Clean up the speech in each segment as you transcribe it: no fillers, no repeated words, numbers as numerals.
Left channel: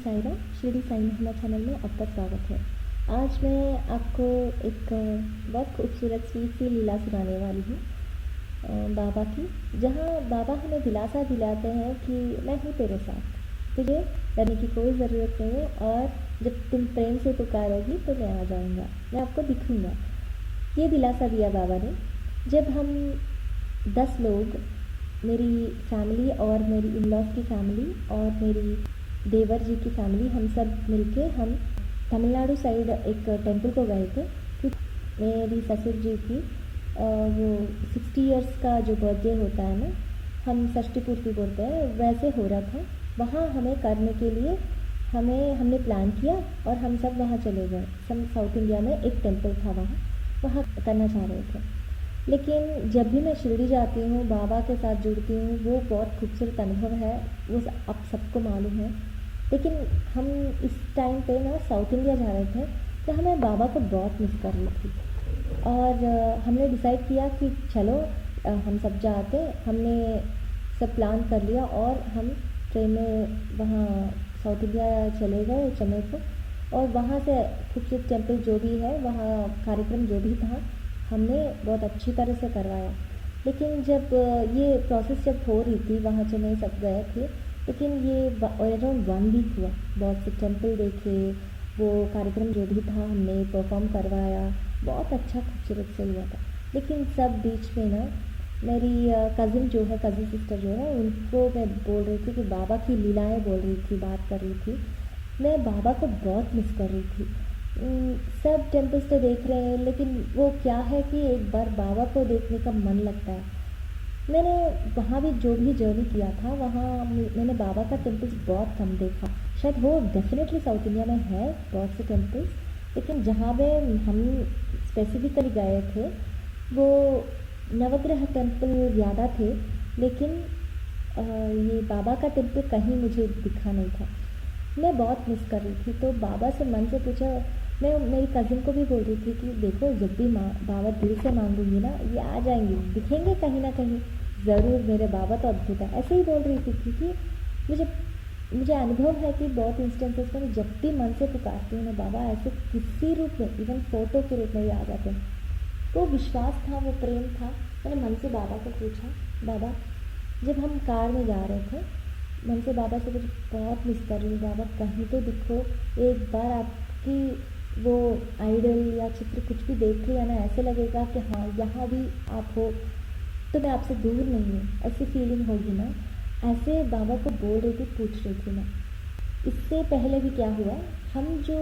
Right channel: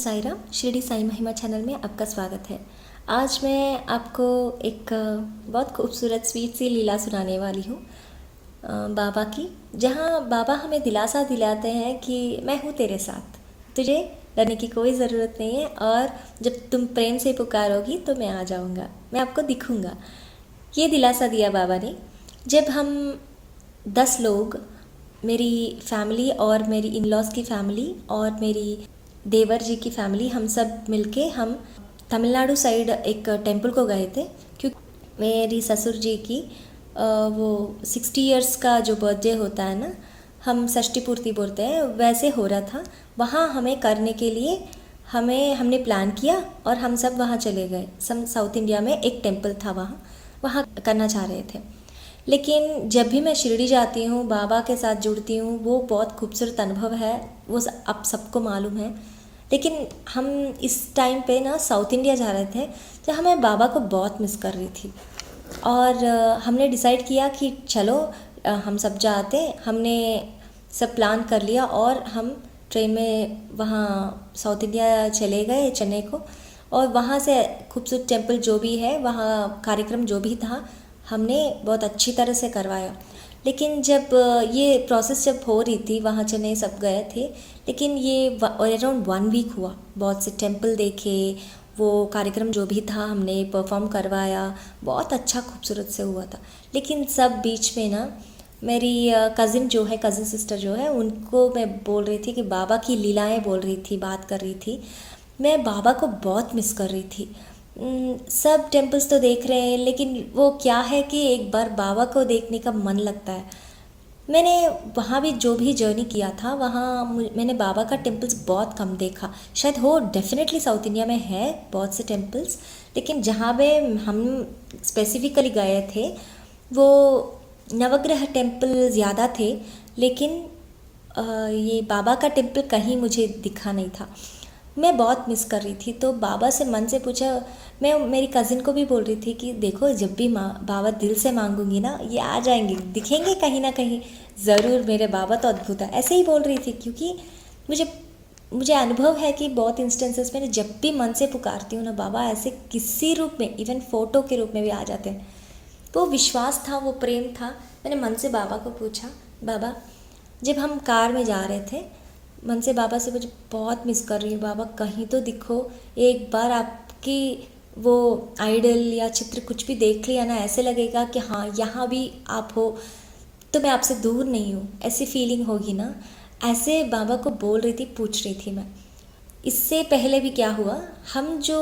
साई राम, शिरडी साई महिमा चैनल में आपका स्वागत है। आज मैं आपको एक बहुत खूबसूरत स्वीट सी लीला सुनाने वाली हूँ बाबा की, जहाँ बाबा हमें दिलासा दिलाते हैं कि मैं हूँ तेरे साथ, तुझे डरने की कोई ज़रूरत नहीं है और जब तुम प्रेम से पुकारोगी तो मैं आ जाऊँगा, मैं आपको दिखूँगा। ये दिलासा दिया बाबा ने। जब हम 10 लोग, मेरी फैमिली और मेरी इन लॉज़ की फैमिली और मेरी देवर जी की फैमिली, हम सब मिलके हम तमिलनाडु साइड एक टेंपल को गए थे, क्योंकि मेरी ससुर जी की वो 60 इयर्स का जो बर्थडे होता है ना, हम षष्ठी पूर्ति बोलते हैं, वैसे हो रहा था। वहाँ हमें करने के लिए हमने प्लान किया और हम सब वहाँ चले गए। साउथ इंडिया में एक टेंपल था, वहाँ करना चाह रहे थे। लेकिन जब भी मैं शिरडी जाती हूँ, बाबा के साथ जुड़ती हूँ, वो बहुत खूबसूरत अनुभव है, वो आप सबको मालूम है। लेकिन हम इस टाइम पे ना साउथ इंडिया जा रहे थे, तो हमें बाबा को बहुत मिस कर रही थी और हमने डिसाइड किया कि चलो हम सब जाते। हमने सब प्लान कर लिया और हम ट्रेन में वहाँ साउथ इंडिया चले गए, चेन्नई को। और वहाँ से खूबसूरत टेंपल जो भी है, वहाँ कार्यक्रम जो भी था, हमने बहुत अच्छी तरह से करवाया। लेकिन जब ये प्रोसेस जब हो रही थी, वहाँ चेन्नई सब गए थे, लेकिन ये अराउंड 1 वीक हुआ। बहुत से टेंपल देखे, वो कार्यक्रम जो भी था हमने परफॉर्म करवाया, बहुत अच्छा खूबसूरत से हुआ था। लेकिन सब बीच में ना मेरी कज़िन सिस्टर जो है, उनको मैं बोल रही थी कि बाबा की लीलाएं बोल रही थी, बात कर रही थी। मैं बाबा को बहुत मिस कर रही थी। सब टेम्पल्स तो देख रहे हैं, लेकिन वो क्या है कि एक बार बाबा को देखने का मन लगता है। मैंने वहाँ भी जो भी जर्नी किया था, वहाँ मैंने बाबा का टेम्पल्स बहुत कम देखा। शायद हो डेफिनेटली साउथ इंडिया में है बहुत से टेम्पल्स, लेकिन जहाँ पे हम स्पेसिफिकली गए थे, वो नवग्रह टेम्पल ज़्यादा थे, लेकिन ये बाबा का टेम्पल कहीं मुझे दिखा नहीं था। मैं बहुत मिस कर रही थी, तो बाबा से मन से पूछा। मैं मेरी कज़िन को भी बोल रही थी कि देखो, जब भी बाबा दिल से मांगूंगी ना, ये आ जाएंगे, दिखेंगे कहीं ना कहीं ज़रूर। मेरे बाबा तो अद्भुत है, ऐसे ही बोल रही थी, क्योंकि मुझे अनुभव है कि बहुत इंस्टेंसेस में जब भी मन से पुकारती हूँ ना, बाबा ऐसे किसी रूप में, इवन फ़ोटो के रूप में भी आ जाते हैं। वो विश्वास था, वो प्रेम था। मैंने मन से बाबा को पूछा, बाबा, जब हम कार में जा रहे थे, मन से बाबा से, मुझे बहुत मिस कर रही हूँ बाबा, कहीं तो दिखो, एक बार आपकी वो आइडल या चित्र कुछ भी देख लिया ना, ऐसे लगेगा कि हाँ, यहाँ भी आप हो, तो मैं आपसे दूर नहीं हूँ, ऐसी फीलिंग होगी ना। ऐसे बाबा को बोल रही थी, पूछ रही थी मैं। इससे पहले भी क्या हुआ, हम जो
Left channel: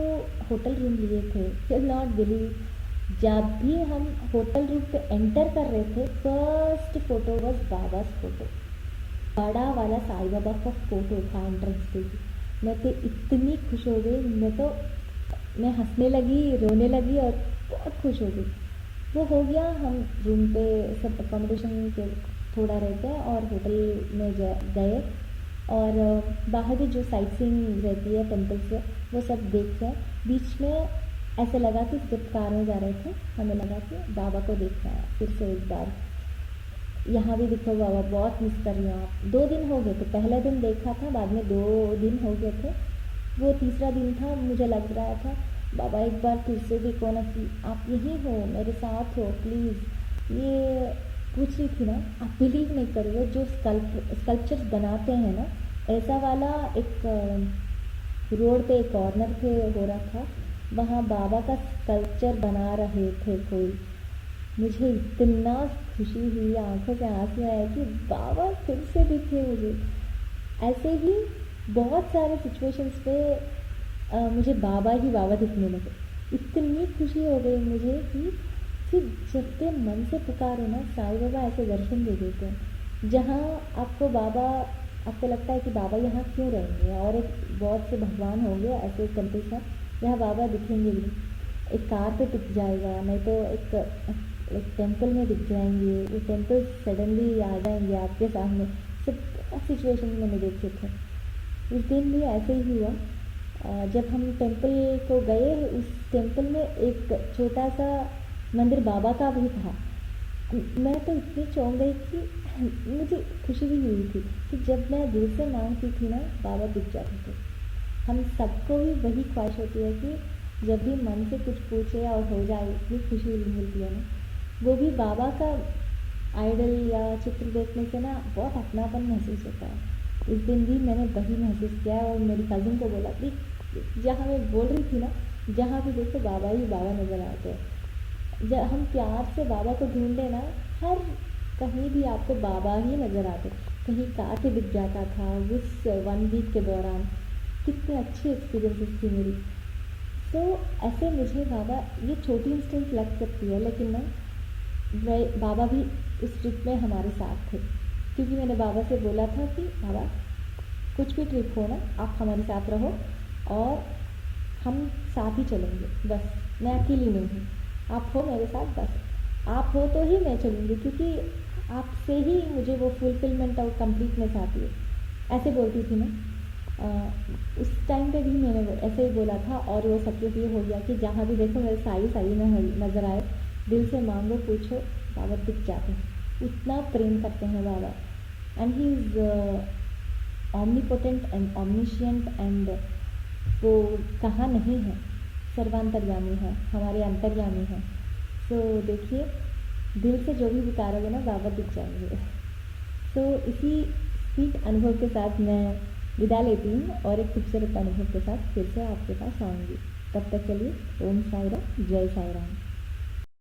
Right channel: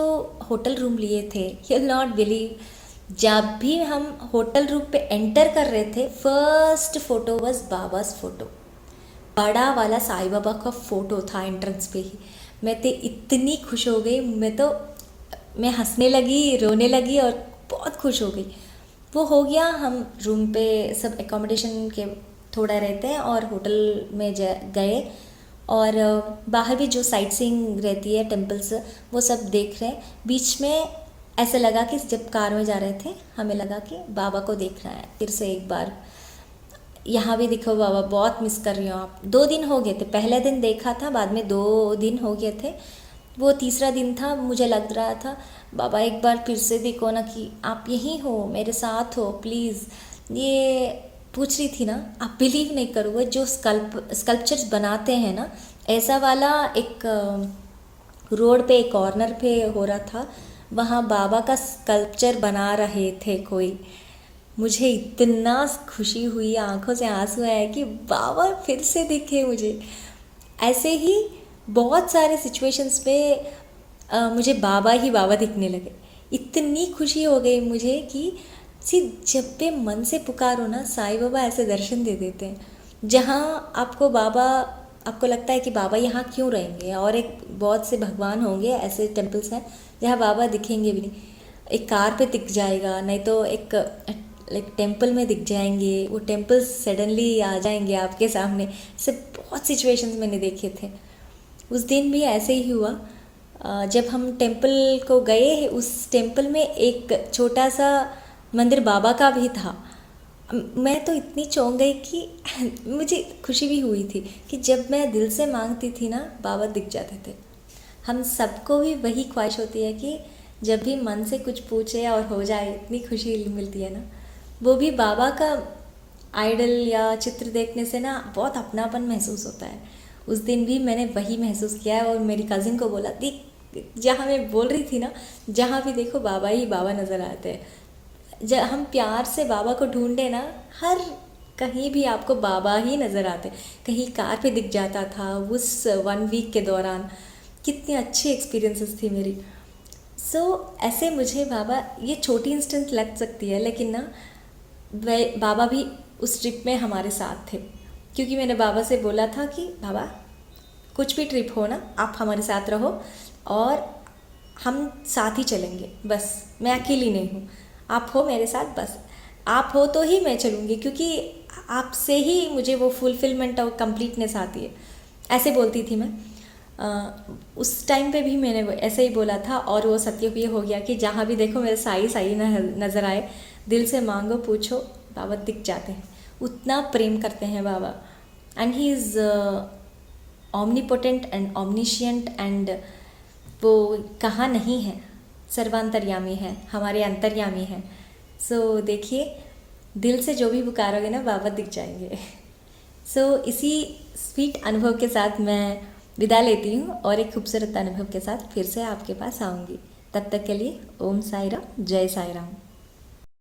होटल रूम लिए थे, यू नॉट बिलीव, जब भी हम होटल रूम पे एंटर कर रहे थे, फर्स्ट फोटो वॉज बाबास फोटो। बड़ा वाला साईं बाबा का फ़ोटो था एंट्रेंस पे ही। मैं तो इतनी खुश हो गई, मैं हंसने लगी, रोने लगी और बहुत खुश हो गई। वो हो गया, हम रूम पे सब एकोमोडेशन के थोड़ा रहते हैं और होटल में गए, और बाहर भी जो साइट सीइंग रहती है टेम्पल्स, वो सब देख रहे हैं। बीच में ऐसा लगा कि जब कार में जा रहे थे, हमें लगा कि बाबा को देखना है फिर से एक बार, यहाँ भी दिखो बाबा, बहुत मिस कर रही हूँ आप। 2 दिन हो गए थे, पहले दिन देखा था, बाद में 2 दिन हो गए थे, वो तीसरा दिन था। मुझे लग रहा था, बाबा एक बार फिर से देखो ना, कि आप यहीं हो, मेरे साथ हो, प्लीज़। ये पूछ रही थी ना, आप बिलीव नहीं करोगे, जो स्कल्पचर्स बनाते हैं ना, ऐसा वाला एक रोड पे, एक कॉर्नर पे हो रहा था, वहाँ बाबा का स्कल्पचर बना रहे थे कोई। मुझे इतना खुशी हुई, आंखों से आंसू आए कि बाबा फिर से दिखे मुझे। ऐसे ही बहुत सारे सिचुएशंस पे मुझे बाबा ही बाबा दिखने लगे। इतनी खुशी हो गई मुझे कि जब भी मन से पुकारो ना, साईं बाबा ऐसे दर्शन दे देते हैं, जहाँ आपको लगता है कि बाबा यहाँ क्यों रहेंगे, और एक बहुत से भगवान होंगे, ऐसे टेम्पल्स हैं जहाँ बाबा दिखेंगे भी नहीं। एक कार पे दिख जाएगा, नहीं तो एक टेंपल में दिख जाएंगे, वो टेम्पल्स सडनली आ जाएंगे आपके सामने। ऐसे बहुत सिचुएशंस मैंने देखे थे। उस दिन भी ऐसे ही हुआ। जब हम टेंपल को गए, उस टेंपल में एक छोटा सा मंदिर बाबा का भी था। मैं तो इतनी चौंक गई कि मुझे खुशी भी हुई थी कि जब मैं दिल से मांगती थी ना, बाबा दिख जाते थे। हम सबको भी वही ख्वाहिश होती है कि जब भी मन से कुछ पूछे और हो जाए, इतनी खुशी मिलती है ना। वो भी बाबा का आइडल या चित्र देखने से ना बहुत अपनापन महसूस होता है। उस दिन भी मैंने वही महसूस किया है और मेरी कज़िन को बोला, देख जहाँ मैं बोल रही थी ना, जहाँ भी देखो बाबा ही बाबा नज़र आते हैं। जब हम प्यार से बाबा को ढूंढे ना, हर कहीं भी आपको बाबा ही नज़र आते। कहीं कार पे दिख जाता था उस 1 वीक के दौरान। कितनी अच्छी एक्सपीरियंसेस थी मेरी। ऐसे मुझे बाबा, ये छोटी इंस्टेंस लग सकती है लेकिन ना वह बाबा भी उस ट्रिप में हमारे साथ थे, क्योंकि मैंने बाबा से बोला था कि बाबा कुछ भी ट्रिप हो ना, आप हमारे साथ रहो और हम साथ ही चलेंगे, बस मैं अकेली नहीं हूँ, आप हो मेरे साथ, बस आप हो तो ही मैं चलूँगी, क्योंकि आपसे ही मुझे वो फुलफिलमेंट और कंप्लीटनेस आती है। ऐसे बोलती थी मैं। उस टाइम पे भी मैंने ऐसे ही बोला था और वो सत्य भी हो गया कि जहाँ भी देखो मेरे साई साई नज़र आए, दिल से मांगो पूछो बाबा दिख जाते हैं। उतना प्रेम करते हैं बाबा। And he is omnipotent and omniscient and वो कहाँ नहीं है, सर्वांतर्यामी है, हमारे अंतर्यामी है। देखिए, दिल से जो भी पुकारोगे ना बाबा दिख जाएंगे। इसी स्वीट अनुभव के साथ मैं विदा लेती हूँ और एक खूबसूरत अनुभव के साथ फिर से आपके पास आऊँगी। तब तक के लिए ओम साई राम, जय साई राम।